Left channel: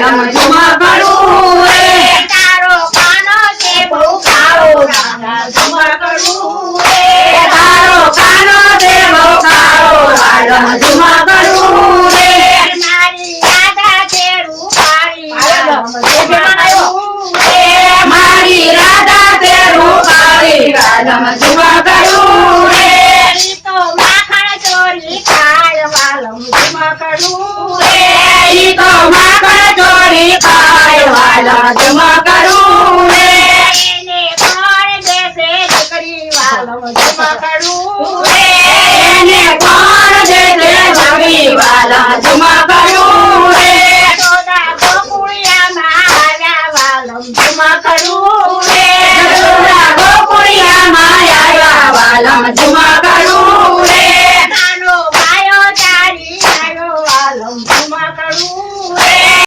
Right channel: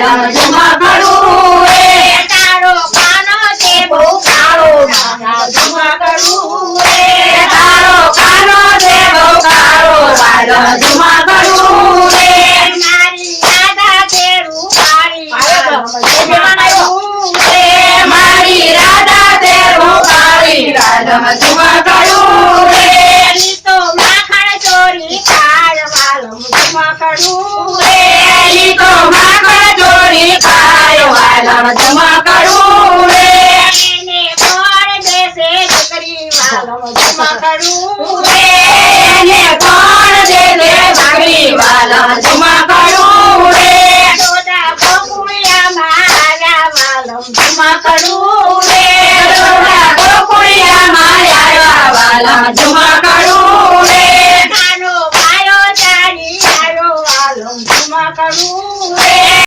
વાલમ ઝુમકડું રે તારો કાનો છે બહુ કાળો રાધા ઝુમકડું રે તારો કાનો છે બહુ કાળો વાલમ ઝુમકડું